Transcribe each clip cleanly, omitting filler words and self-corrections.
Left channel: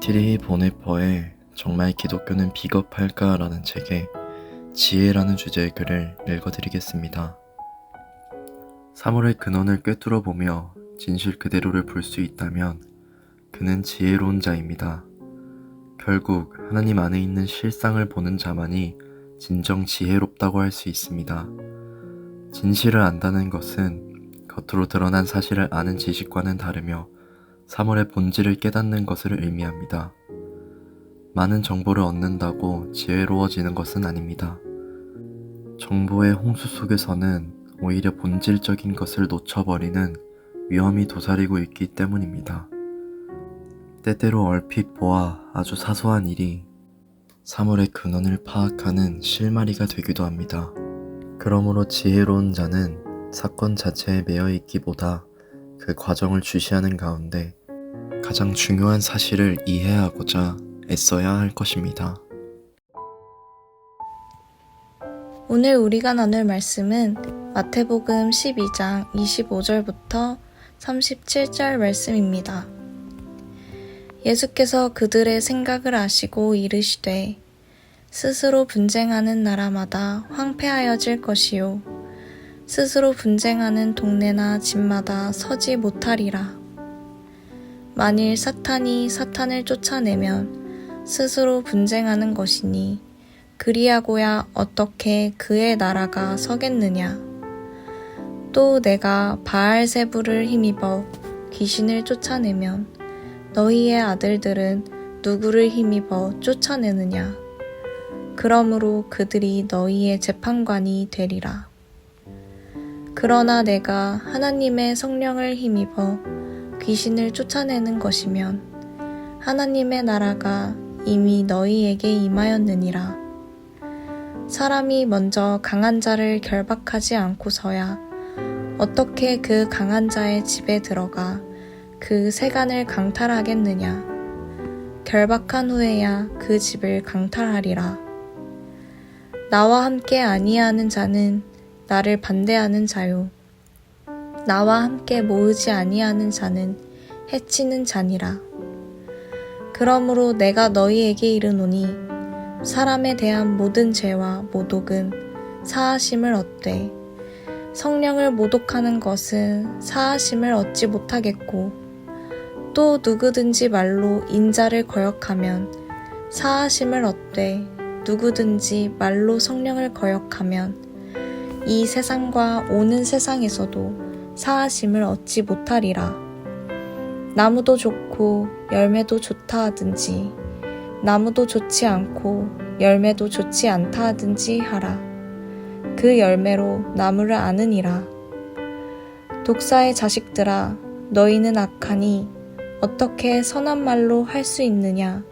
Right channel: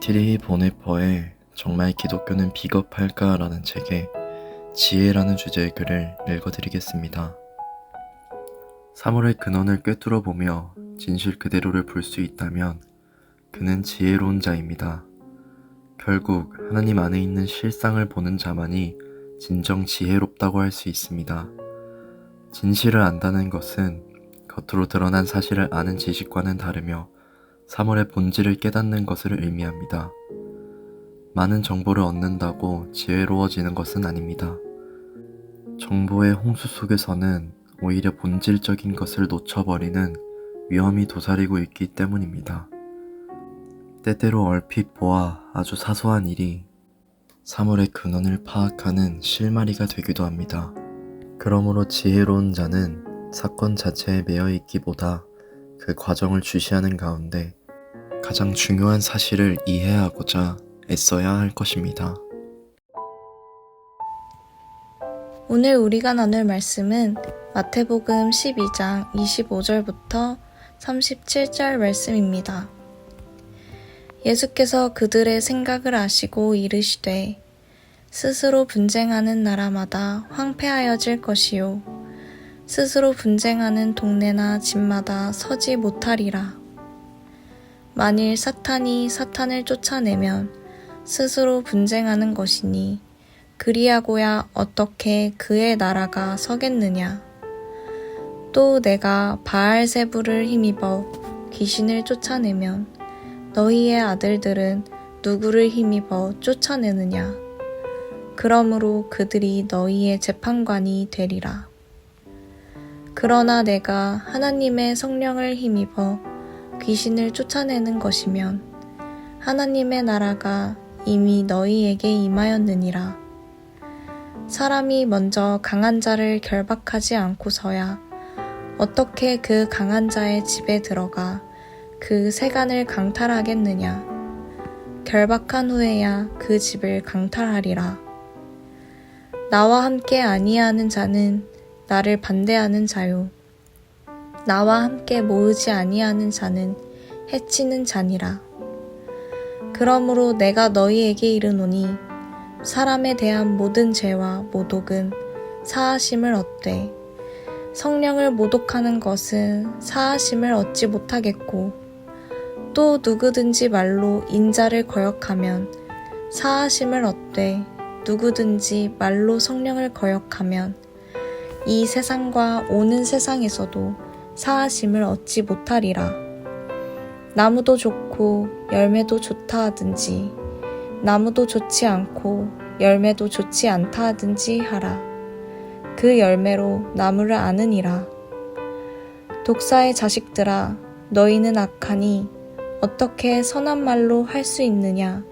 디트리히 보네퍼의 정말 기독교는 비겁할까라는 책에 지혜라는 주제의 글을 읽어드리겠습니다. 사물의 근원을 꿰뚫어 보며 진실 그대로를 볼 수 있다면 그는 지혜로운 자입니다. 결국 하나님 안에 있는 실상을 보는 자만이 진정 지혜롭다고 할 수 있습니다. 진실을 안다는 것은 겉으로 드러난 사실을 아는 지식과는 다르며 사물의 본질을 깨닫는 것을 의미합니다. 많은 정보를 얻는다고 지혜로워지는 것은 아닙니다. 정보의 홍수 속에서는 오히려 본질적인 것을 놓쳐버리는 위험이 도사리고 있기 때문입니다. 때때로 얼핏 보아 아주 사소한 일이 사물의 근원을 파악하는 실마리가 되기도 합니다. 그러므로 지혜로운 자는 사건 자체에 매여 있기보다 그 과정을 주시하는 가운데 가장 중요한 사실을 이해하고자 애써야 할 것입니다. 오늘 우리가 나눌 말씀은 마태복음 12장 25절부터 37절 말씀입니다. 예수께서 그들의 생각을 아시고 이르시되 스스로 분쟁하는 나라마다 황폐하여질 것이요 스스로 분쟁하는 동네나 집마다 서지 못하리라. 만일 사탄이 사탄을 쫓아내면 스스로 분쟁하는 것이니 그리하고야 어떻게 그의 나라가 서겠느냐. 또 내가 바알세불을 힘입어 귀신을 쫓아내면 너희의 아들들은 누구를 힘입어 쫓아내느냐. 그러므로 그들이 너희의 재판관이 되리라. 그러나 내가 하나님의 성령을 힘입어 귀신을 쫓아내는 것이면 하나님의 나라가 이미 너희에게 임하였느니라. 사람이 먼저 강한 자를 결박하지 않고서야 어떻게 그 강한 자의 집에 들어가 그 세간을 강탈하겠느냐. 결박한 후에야 그 집을 강탈하리라. 나와 함께 아니하는 자는 나를 반대하는 자요 나와 함께 모으지 아니하는 자는 해치는 자니라. 그러므로 내가 너희에게 이르노니 사람에 대한 모든 죄와 모독은 사하심을 얻되 성령을 모독하는 것은 사하심을 얻지 못하겠고 또 누구든지 말로 인자를 거역하면 사하심을 얻되 누구든지 말로 성령을 거역하면 이 세상과 오는 세상에서도 사하심을 얻지 못하리라. 나무도 좋고 열매도 좋다 하든지 나무도 좋지 않고 열매도 좋지 않다 하든지 하라. 그 열매로 나무를 아느니라. 독사의 자식들아, 너희는 악하니 어떻게 선한 말로 할 수 있느냐.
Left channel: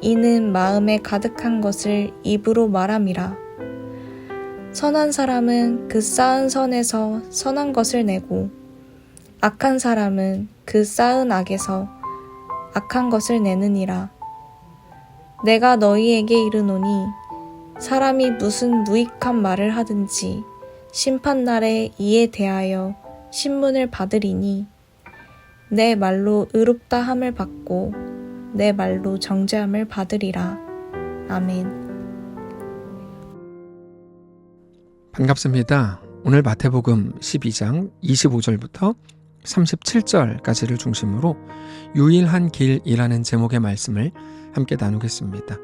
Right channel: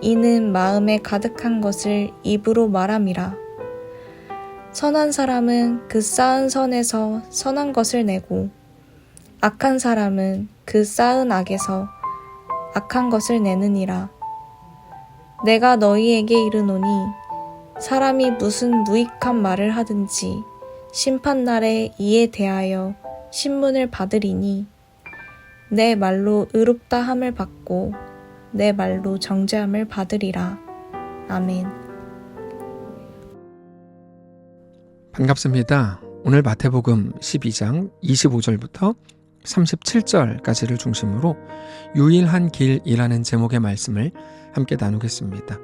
이는 마음에 가득한 것을 입으로 말함이라. 선한 사람은 그 쌓은 선에서 선한 것을 내고 악한 사람은 그 쌓은 악에서 악한 것을 내느니라. 내가 너희에게 이르노니 사람이 무슨 무익한 말을 하든지 심판날에 이에 대하여 신문을 받으리니 내 말로 의롭다 함을 받고 내 말로 정죄함을 받으리라. 아멘. 반갑습니다. 오늘 마태복음 12장 25절부터 37절까지를 중심으로 유일한 길이라는 제목의 말씀을 함께 나누겠습니다.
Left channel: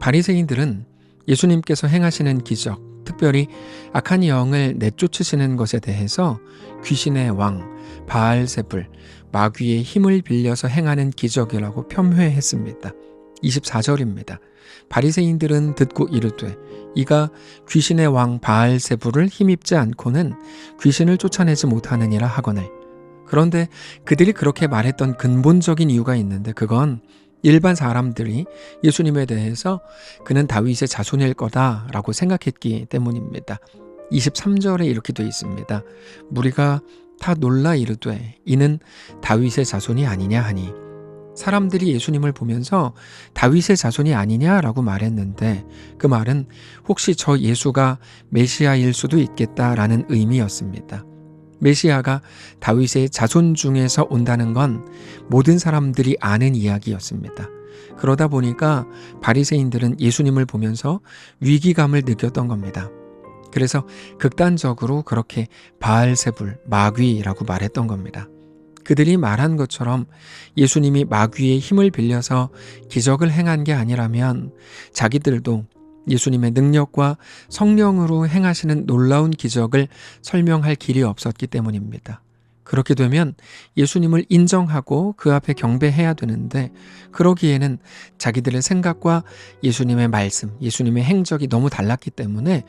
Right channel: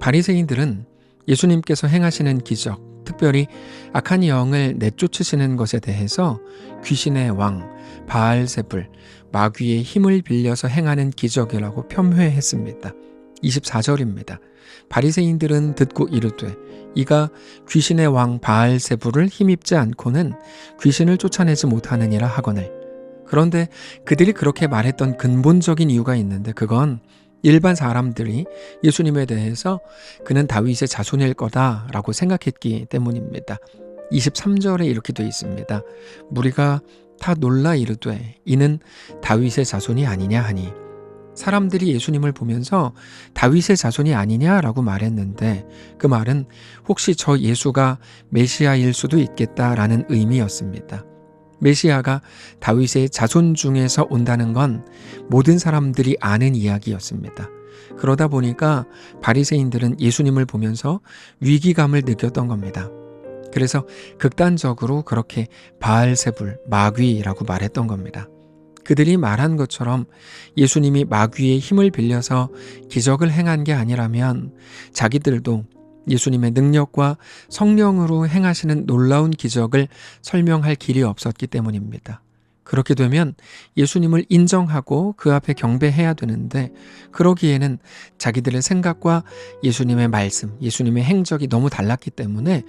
바리새인들은 예수님께서 행하시는 기적, 특별히 악한 영을 내쫓으시는 것에 대해서 귀신의 왕, 바알세불, 마귀의 힘을 빌려서 행하는 기적이라고 폄훼했습니다. 24절입니다. 바리새인들은 듣고 이르되 이가 귀신의 왕 바알세불을 힘입지 않고는 귀신을 쫓아내지 못하느니라 하거늘. 그런데 그들이 그렇게 말했던 근본적인 이유가 있는데 그건 일반 사람들이 예수님에 대해서 그는 다윗의 자손일 거다라고 생각했기 때문입니다. 23절에 이렇게 되어 있습니다. 무리가 다 놀라 이르되 이는 다윗의 자손이 아니냐 하니. 사람들이 예수님을 보면서 다윗의 자손이 아니냐라고 말했는데 그 말은 혹시 저 예수가 메시아일 수도 있겠다라는 의미였습니다. 메시아가 다윗의 자손 중에서 온다는 건 모든 사람들이 아는 이야기였습니다. 그러다 보니까 바리새인들은 예수님을 보면서 위기감을 느꼈던 겁니다. 그래서 극단적으로 그렇게 바알세불, 마귀라고 말했던 겁니다. 그들이 말한 것처럼 예수님이 마귀의 힘을 빌려서 기적을 행한 게 아니라면 자기들도 예수님의 능력과 성령으로 행하시는 놀라운 기적을 설명할 길이 없었기 때문입니다. 그렇게 되면 예수님을 인정하고 그 앞에 경배해야 되는데 그러기에는 자기들의 생각과 예수님의 말씀, 예수님의 행적이 너무 달랐기 때문에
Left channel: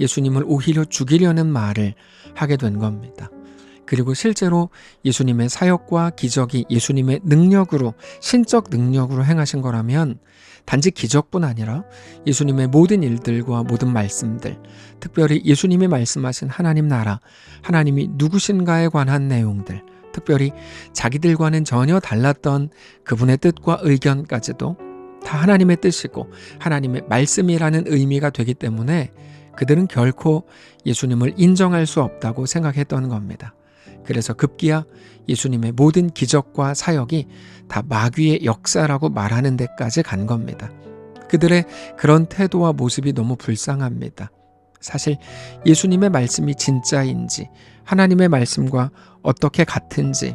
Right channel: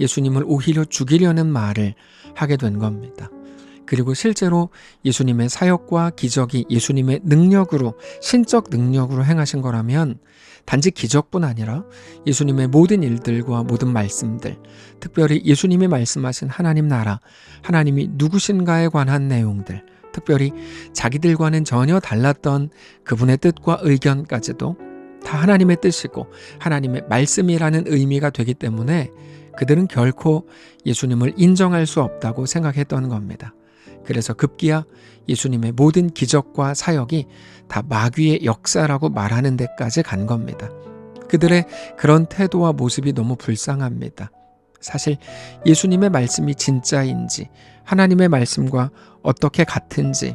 예수님을 오히려 죽이려는 말을 하게 된 겁니다. 그리고 실제로 예수님의 사역과 기적이 예수님의 능력으로, 신적 능력으로 행하신 거라면 단지 기적뿐 아니라 예수님의 모든 일들과 모든 말씀들, 특별히 예수님이 말씀하신 하나님 나라, 하나님이 누구신가에 관한 내용들, 특별히 자기들과는 전혀 달랐던 그분의 뜻과 의견까지도 다 하나님의 뜻이고 하나님의 말씀이라는 의미가 되기 때문에 그들은 결코 예수님을 인정할 수 없다고 생각했던 겁니다. 그래서 급기야 예수님의 모든 기적과 사역이 다 마귀의 역사라고 말하는 데까지 간 겁니다. 그들의 그런 태도와 모습이 너무 불쌍합니다. 사실 예수님의 말씀이 진짜인지, 하나님의 말씀과 어떻게 같은지,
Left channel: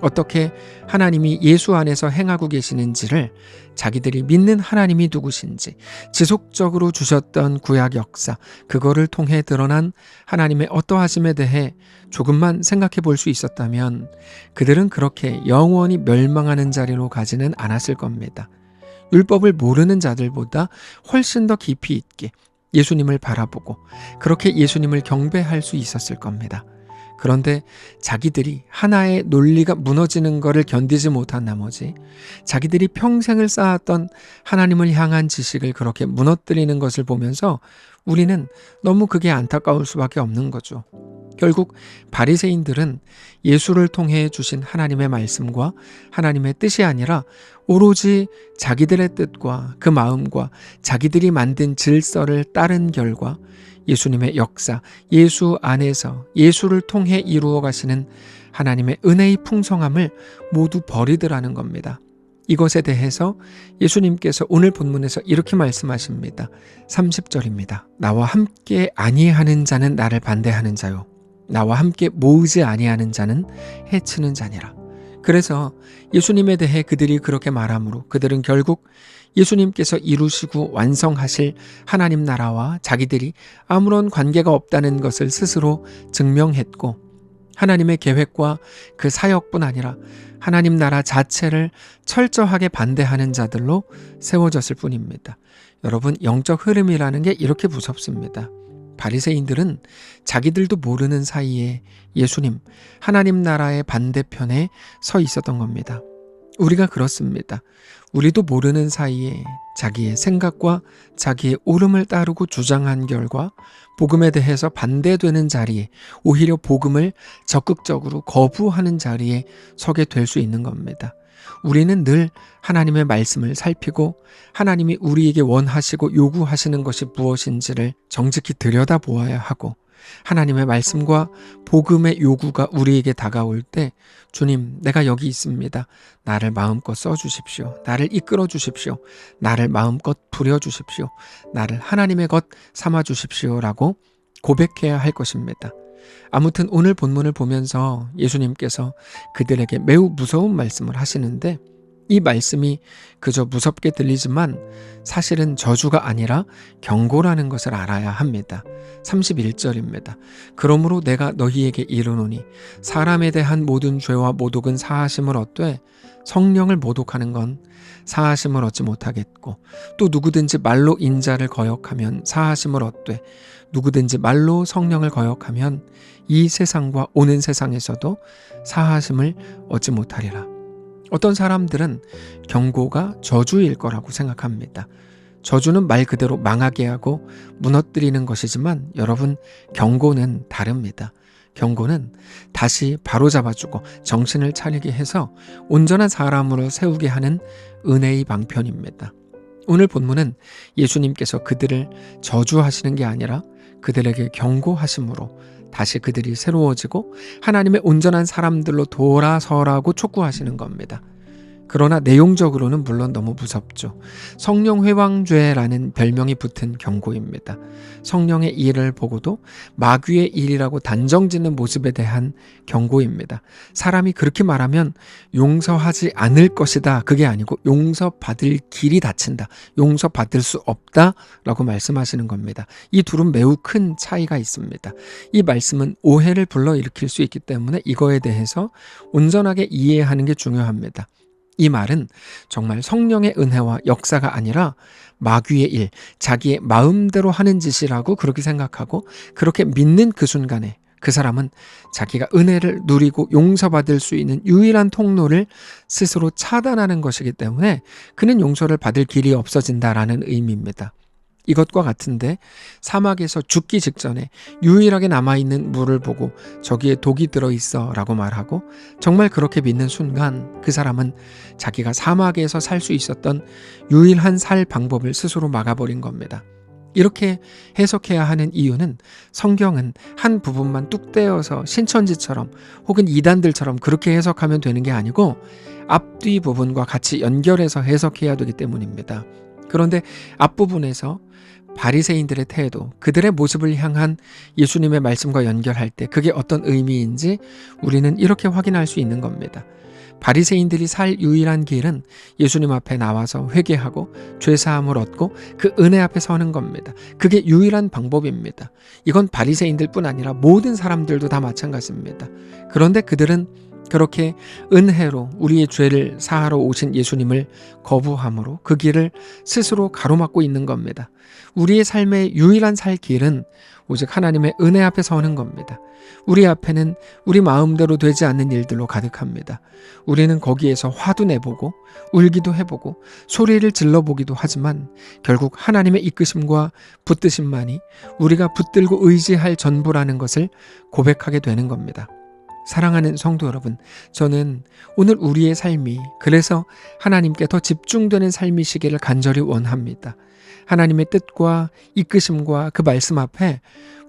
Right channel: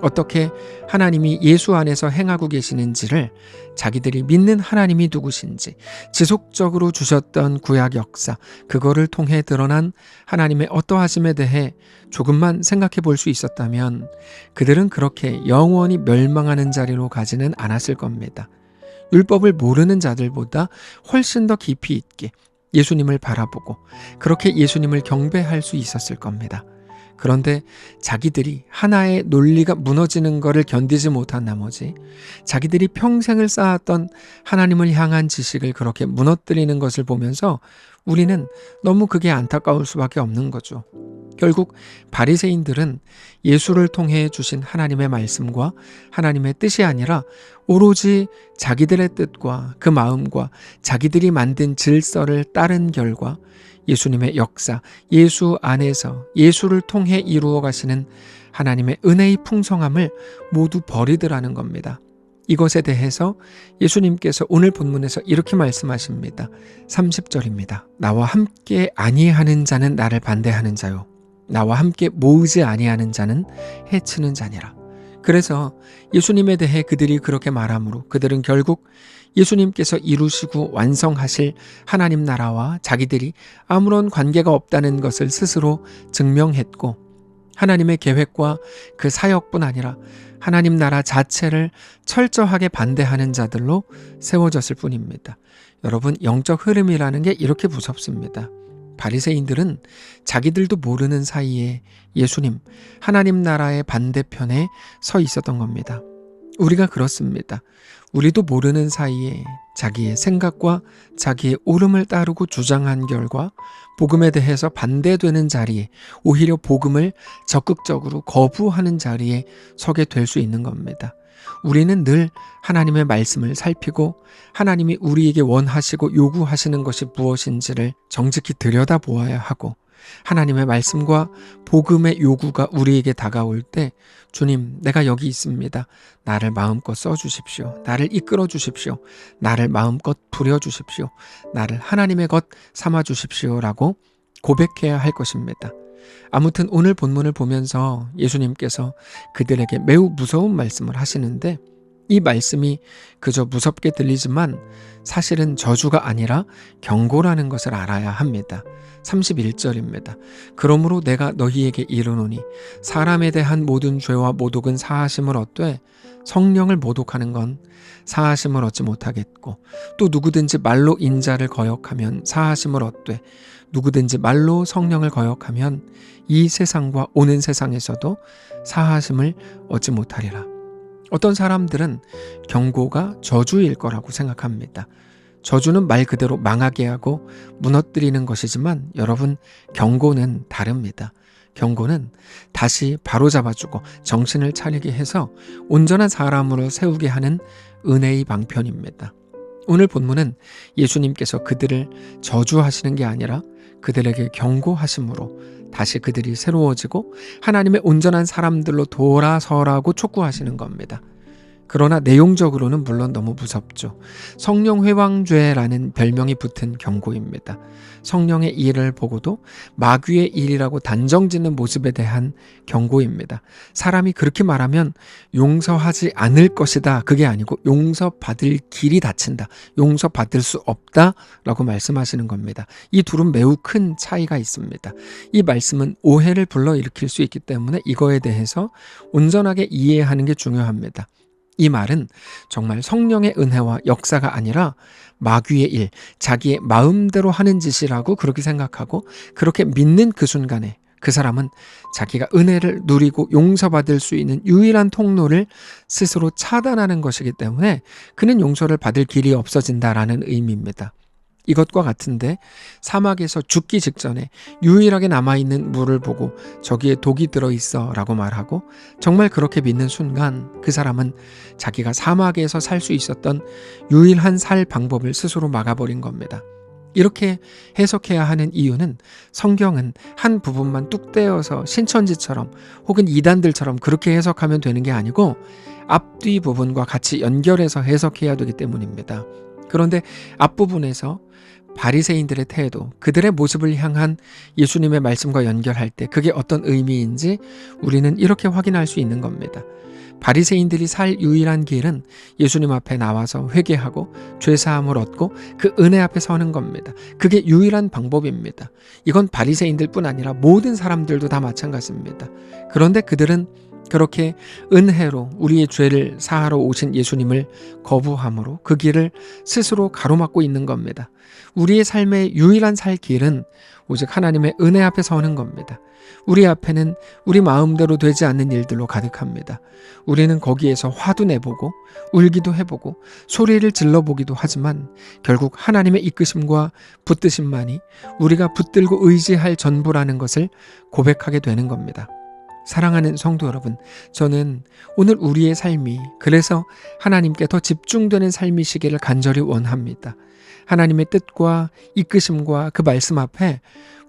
어떻게 하나님이 예수 안에서 행하고 계시는지를 자기들이 믿는 하나님이 누구신지, 지속적으로 주셨던 구약 역사, 그거를 통해 드러난 하나님의 어떠하심에 대해 조금만 생각해 볼 수 있었다면 그들은 그렇게 영원히 멸망하는 자리로 가지는 않았을 겁니다. 율법을 모르는 자들보다 훨씬 더 깊이 있게 예수님을 바라보고 그렇게 예수님을 경배할 수 있었을 겁니다. 그런데 자기들이 하나의 논리가 무너지는 것을 견디지 못한 나머지 자기들이 평생을 쌓았던 하나님을 향한 지식을 그렇게 무너뜨리는 것을 보면서 우리는 너무 그게 안타까울 수밖에 없는 거죠. 결국 바리새인들은 예수를 통해 주신 하나님의 말씀과 하나님의 뜻이 아니라 오로지 자기들의 뜻과 그 마음과 자기들이 만든 질서를 따른 결과 예수님의 역사, 예수 안에서 예수를 통해 이루어 가시는 하나님의 은혜의 풍성함을 모두 버리더라는 겁니다. 이것에 대해서 예수님께서 오늘 본문에서 이렇게 말씀하십니다. 30절입니다. 나와 함께 아니하는 자는 나를 반대하는 자요, 나와 함께 모으지 아니하는 자는 해치는 자니라. 그래서 예수님에 대해 그들이 그렇게 말하므로 그들은 결국 예수님께서 이루시고 완성하실 하나님 나라와 자기들이 아무런 관계가 없다는 것을 스스로 증명했고, 하나님의 계획과 그 사역뿐 아니라 하나님 나라 자체를 철저하게 반대하는 자들로 세워졌을 뿐입니다. 여러분, 영적 흐름이라는 게 이렇게 무섭습니다. 바리새인들은 자기들도 모르는 사이에 예수님, 하나님 나라의 반대편에 서 있었던 겁니다. 우리가 그렇습니다. 우리도 모르는 사이에 자기의 생각과 자기의 옳음을 따르고 주장한 결과 복음에 대해서 반대되는 자리에, 오히려 복음을 적극적으로 거부하는 자리에 서게 될 수 있는 겁니다. 우리는 늘 하나님의 말씀을 살피고 하나님이 우리에게 원하시고 요구하시는 것이 무엇인지를 정직히 들여다보아야 하고, 하나님의 말씀과 복음의 요구가 우리에게 다가올 때 주님, 내가 여기 있습니다. 나를 마음껏 써주십시오. 나를 이끌어 주십시오. 나를 마음껏 부려주십시오. 나를 하나님의 것 삼아주십시오 라고 고백해야 할 것입니다. 아무튼 오늘 본문을 보면서 예수님께서 그들에게 매우 무서운 말씀을 하시는데, 이 말씀이 그저 무섭게 들리지만 사실은 저주가 아니라 경고라는 것을 알아야 합니다. 31절입니다. 그러므로 내가 너희에게 이르노니 사람에 대한 모든 죄와 모독은 사하심을 얻되 성령을 모독하는 건 사하심을 얻지 못하겠고, 또 누구든지 말로 인자를 거역하면 사하심을 얻되 누구든지 말로 성령을 거역하면 이 세상과 오는 세상에서도 사하심을 얻지 못하리라. 어떤 사람들은 경고가 저주일 거라고 생각합니다. 저주는 말 그대로 망하게 하고 무너뜨리는 것이지만 여러분, 경고는 다릅니다. 경고는 다시 바로잡아주고 정신을 차리게 해서 온전한 사람으로 세우게 하는 은혜의 방편입니다. 오늘 본문은 예수님께서 그들을 저주하시는 게 아니라 그들에게 경고하심으로 다시 그들이 새로워지고 하나님의 온전한 사람들로 돌아서라고 촉구하시는 겁니다. 그러나 내용적으로는 물론 너무 무섭죠. 성령 회방죄라는 별명이 붙은 경고입니다. 성령의 일을 보고도 마귀의 일이라고 단정짓는 모습에 대한 경고입니다. 사람이 그렇게 말하면 용서하지 않을 것이다. 그게 아니고 용서받을 길이 닫힌다. 용서받을 수 없다. 라고 말씀하시는 겁니다. 이 둘은 매우 큰 차이가 있습니다. 이 말씀은 오해를 불러일으킬 수 있기 때문에 이거에 대해서 온전하게 이해하는 게 중요합니다. 이 말은 정말 성령의 은혜와 역사가 아니라 마귀의 일, 자기의 마음대로 하는 짓이라고 그렇게 생각하고 그렇게 믿는 그 순간에 그 사람은 자기가 은혜를 누리고 용서받을 수 있는 유일한 통로를 스스로 차단하는 것이기 때문에 그는 용서를 받을 길이 없어진다라는 의미입니다. 이것과 같은데 사막에서 죽기 직전에 유일하게 남아있는 물을 보고 저기에 독이 들어있어 라고 말하고 정말 그렇게 믿는 순간 그 사람은 자기가 사막에서 살 수 있었던 유일한 살 방법을 스스로 막아버린 겁니다. 이렇게 해석해야 하는 이유는 성경은 한 부분만 뚝 떼어서 신천지처럼 혹은 이단들처럼 그렇게 해석하면 되는 게 아니고 앞뒤 부분과 같이 연결해서 해석해야 되기 때문입니다. 그런데 앞부분에서 바리새인들의 태도, 그들의 모습을 향한 예수님의 말씀과 연결할 때 그게 어떤 의미인지 우리는 이렇게 확인할 수 있는 겁니다. 바리새인들이 살 유일한 길은 예수님 앞에 나와서 회개하고 죄사함을 얻고 그 은혜 앞에 서는 겁니다. 그게 유일한 방법입니다. 이건 바리새인들뿐 아니라 모든 사람들도 다 마찬가지입니다. 그런데 그들은 그렇게 은혜로 우리의 죄를 사하러 오신 예수님을 거부함으로 그 길을 스스로 가로막고 있는 겁니다. 우리의 삶의 유일한 살 길은 오직 하나님의 은혜 앞에 서는 겁니다. 우리 앞에는 우리 마음대로 되지 않는 일들로 가득합니다. 우리는 거기에서 화도 내보고 울기도 해보고 소리를 질러보기도 하지만 결국 하나님의 이끄심과 붙드심만이 우리가 붙들고 의지할 전부라는 것을 고백하게 되는 겁니다. 사랑하는 성도 여러분, 저는 오늘 우리의 삶이 그래서 하나님께 더 집중되는 삶이시기를 간절히 원합니다. 하나님의 뜻과 이끄심과 그 말씀 앞에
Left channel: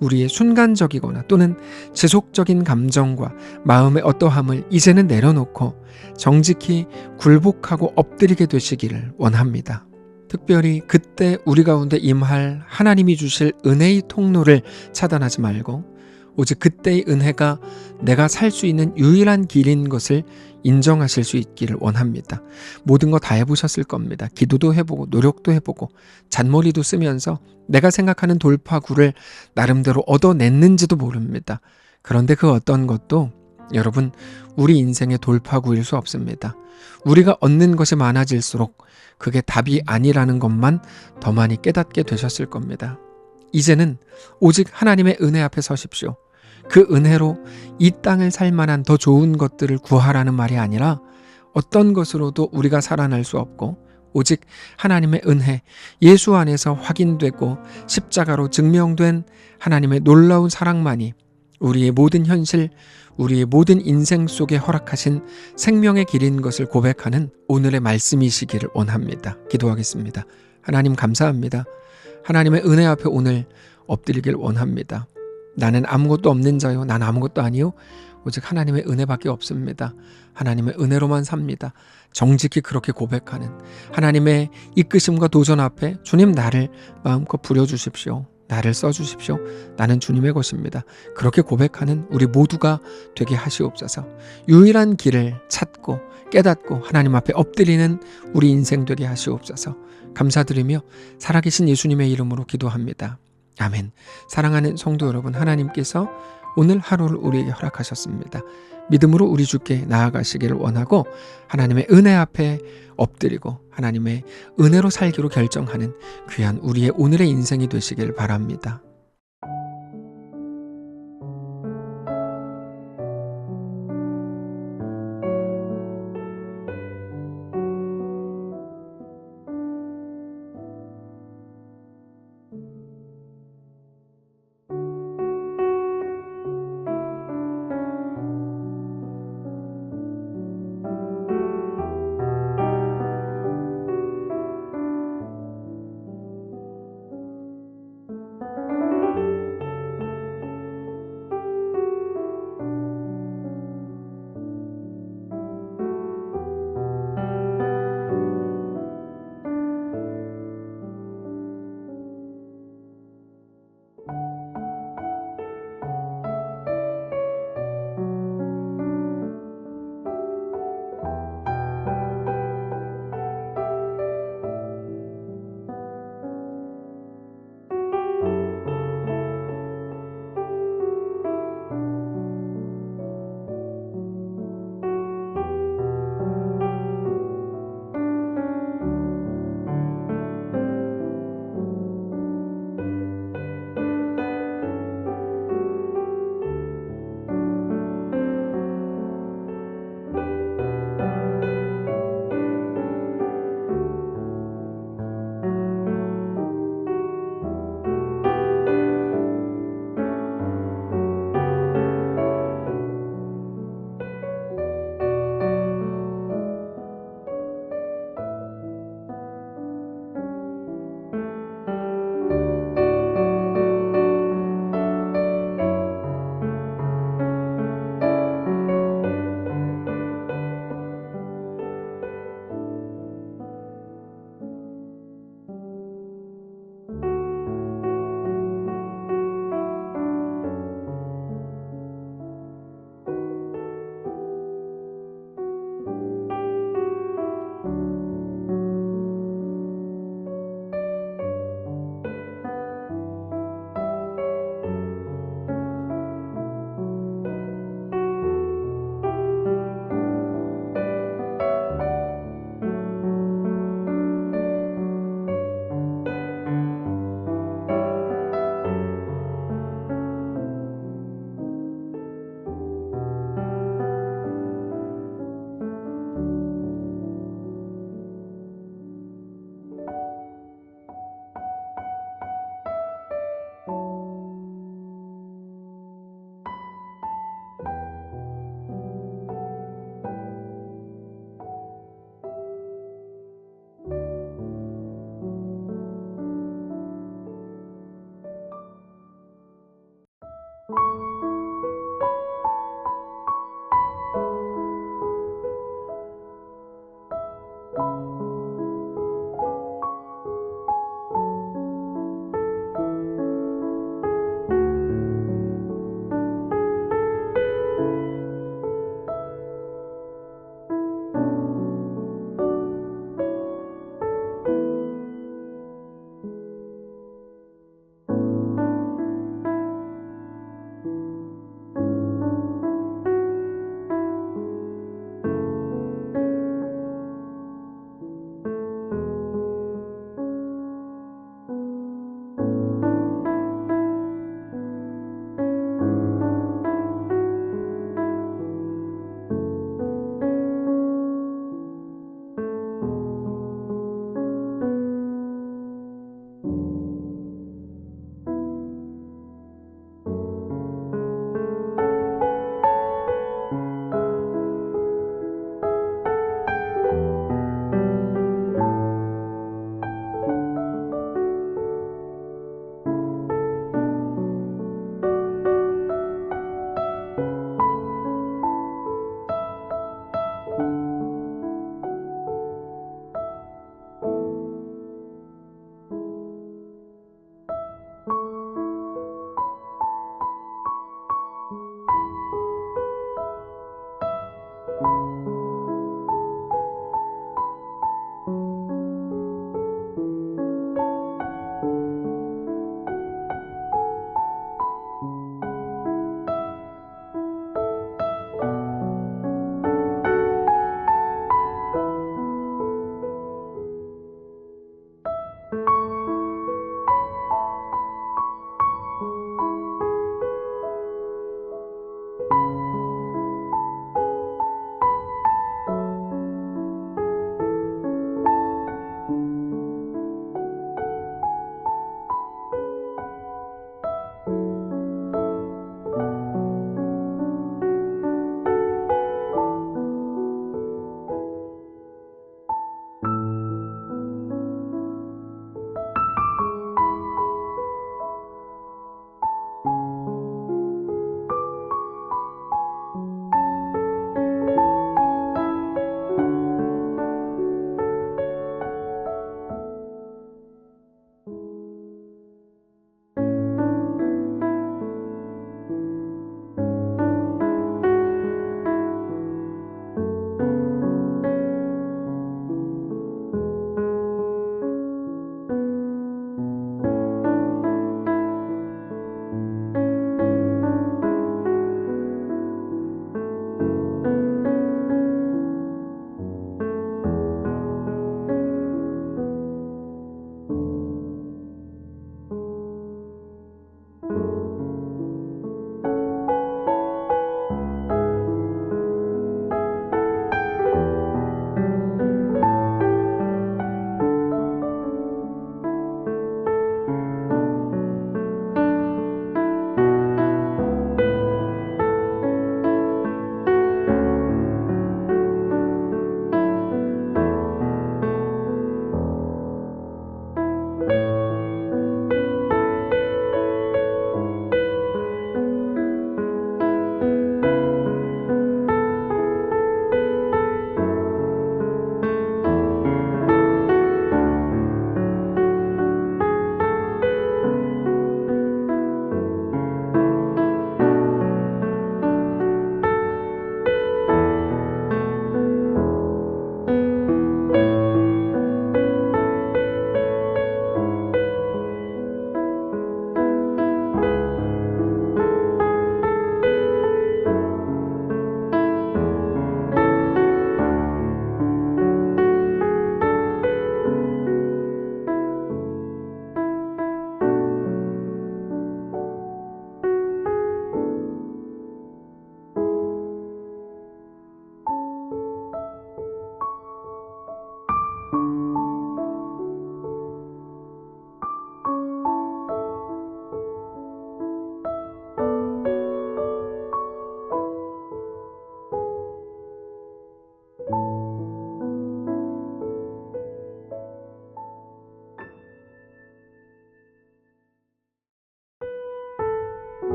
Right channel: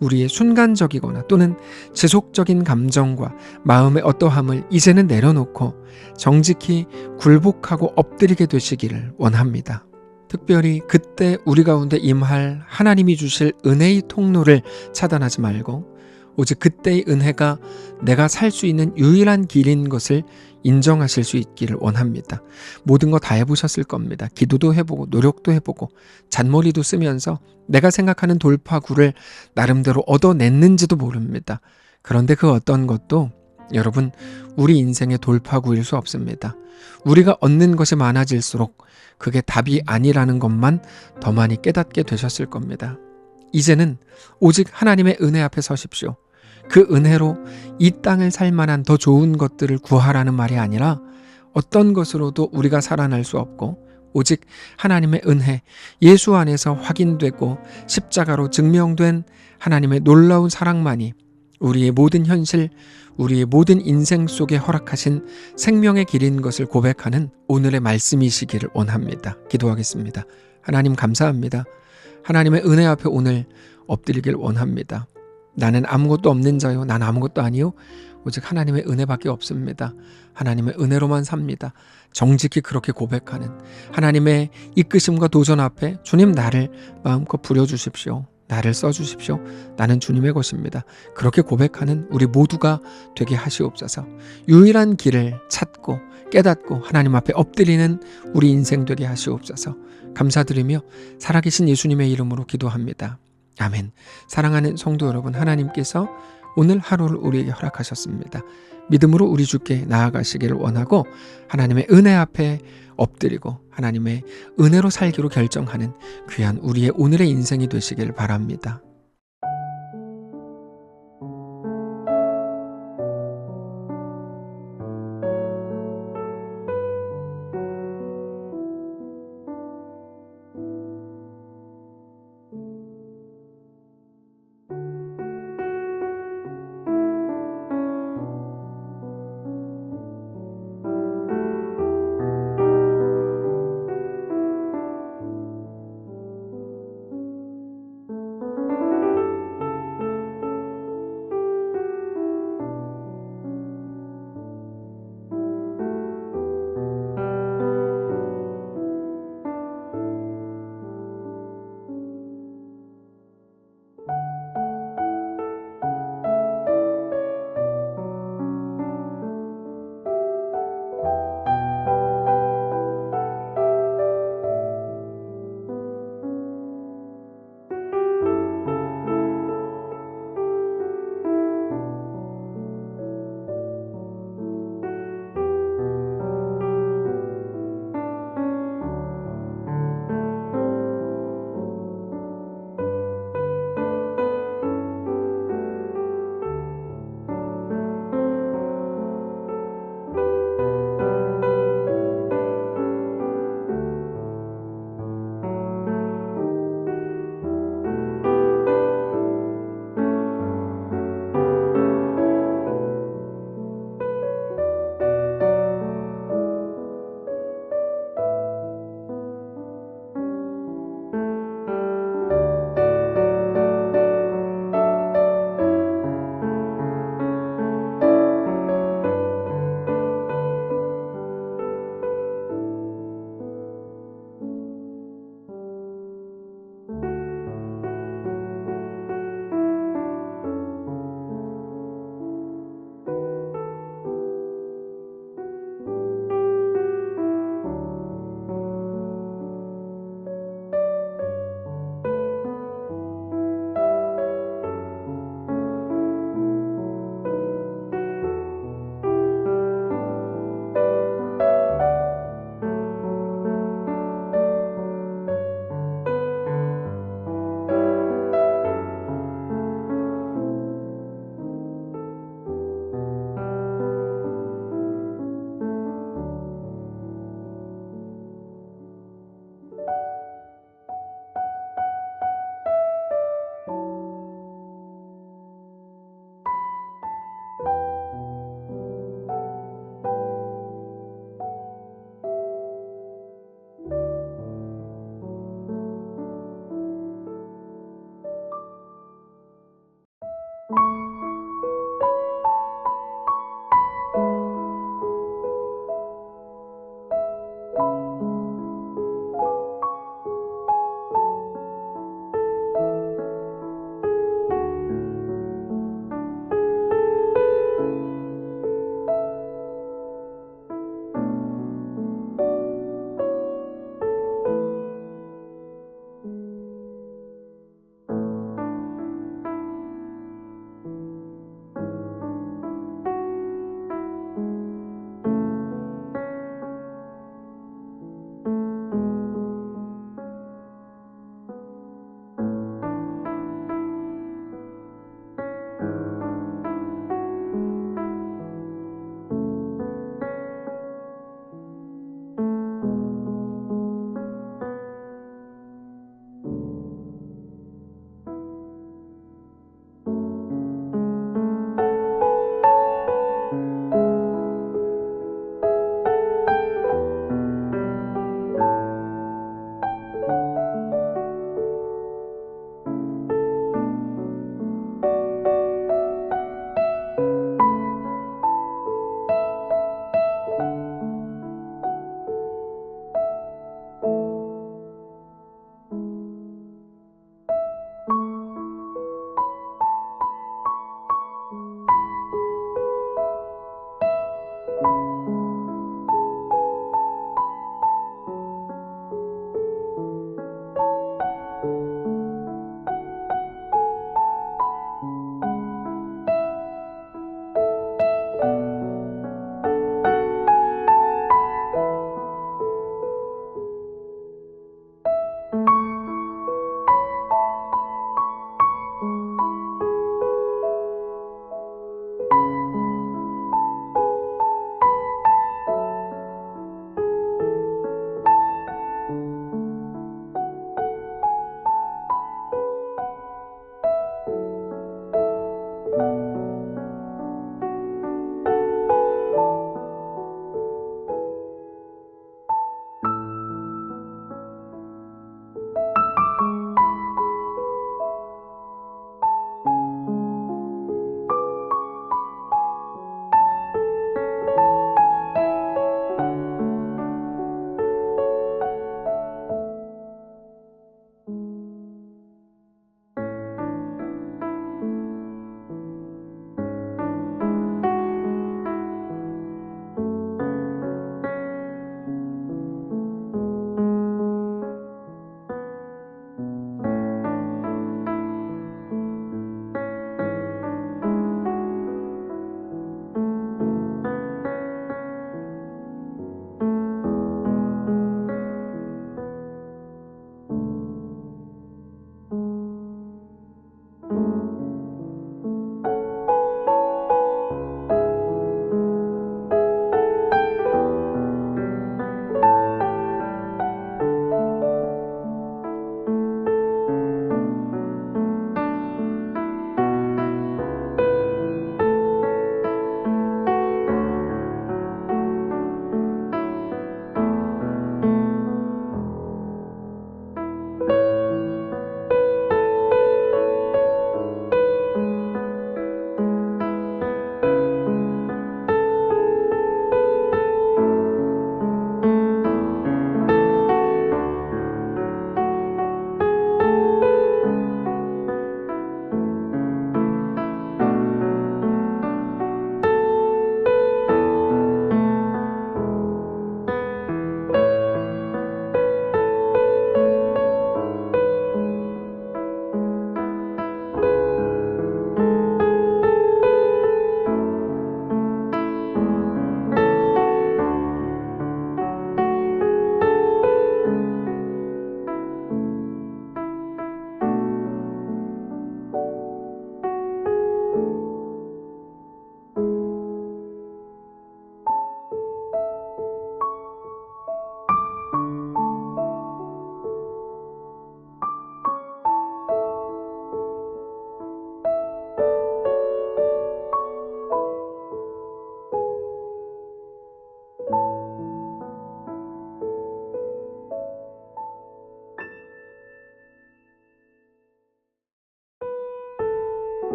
우리의 순간적이거나 또는 지속적인 감정과 마음의 어떠함을 이제는 내려놓고 정직히 굴복하고 엎드리게 되시기를 원합니다. 특별히 그때 우리 가운데 임할 하나님이 주실 은혜의 통로를 차단하지 말고 오직 그때의 은혜가 내가 살 수 있는 유일한 길인 것을 인정하실 수 있기를 원합니다. 모든 거 다 해보셨을 겁니다. 기도도 해보고 노력도 해보고 잔머리도 쓰면서 내가 생각하는 돌파구를 나름대로 얻어냈는지도 모릅니다. 그런데 그 어떤 것도 여러분 우리 인생의 돌파구일 수 없습니다. 우리가 얻는 것이 많아질수록 그게 답이 아니라는 것만 더 많이 깨닫게 되셨을 겁니다. 이제는 오직 하나님의 은혜 앞에 서십시오. 그 은혜로 이 땅을 살 만한 더 좋은 것들을 구하라는 말이 아니라 어떤 것으로도 우리가 살아날 수 없고 오직 하나님의 은혜, 예수 안에서 확인되고 십자가로 증명된 하나님의 놀라운 사랑만이 우리의 모든 현실, 우리의 모든 인생 속에 허락하신 생명의 길인 것을 고백하는 오늘의 말씀이시기를 원합니다. 기도하겠습니다. 하나님 감사합니다. 하나님의 은혜 앞에 오늘 엎드리길 원합니다. 나는 아무것도 없는 자요. 난 아무것도 아니요. 오직 하나님의 은혜밖에 없습니다. 하나님의 은혜로만 삽니다. 정직히 그렇게 고백하는 하나님의 이끄심과 도전 앞에 주님 나를 마음껏 부려주십시오. 나를 써주십시오. 나는 주님의 것입니다. 그렇게 고백하는 우리 모두가 되게 하시옵소서. 유일한 길을 찾고 깨닫고 하나님 앞에 엎드리는 우리 인생 되게 하시옵소서. 감사드리며 살아계신 예수님의 이름으로 기도합니다. 아멘. 사랑하는 성도 여러분, 하나님께서 오늘 하루를 우리에게 허락하셨습니다. 믿음으로 우리 주께 나아가시기를 원하고 하나님의 은혜 앞에 엎드리고 하나님의 은혜로 살기로 결정하는 귀한 우리의 오늘의 인생이 되시기를 바랍니다.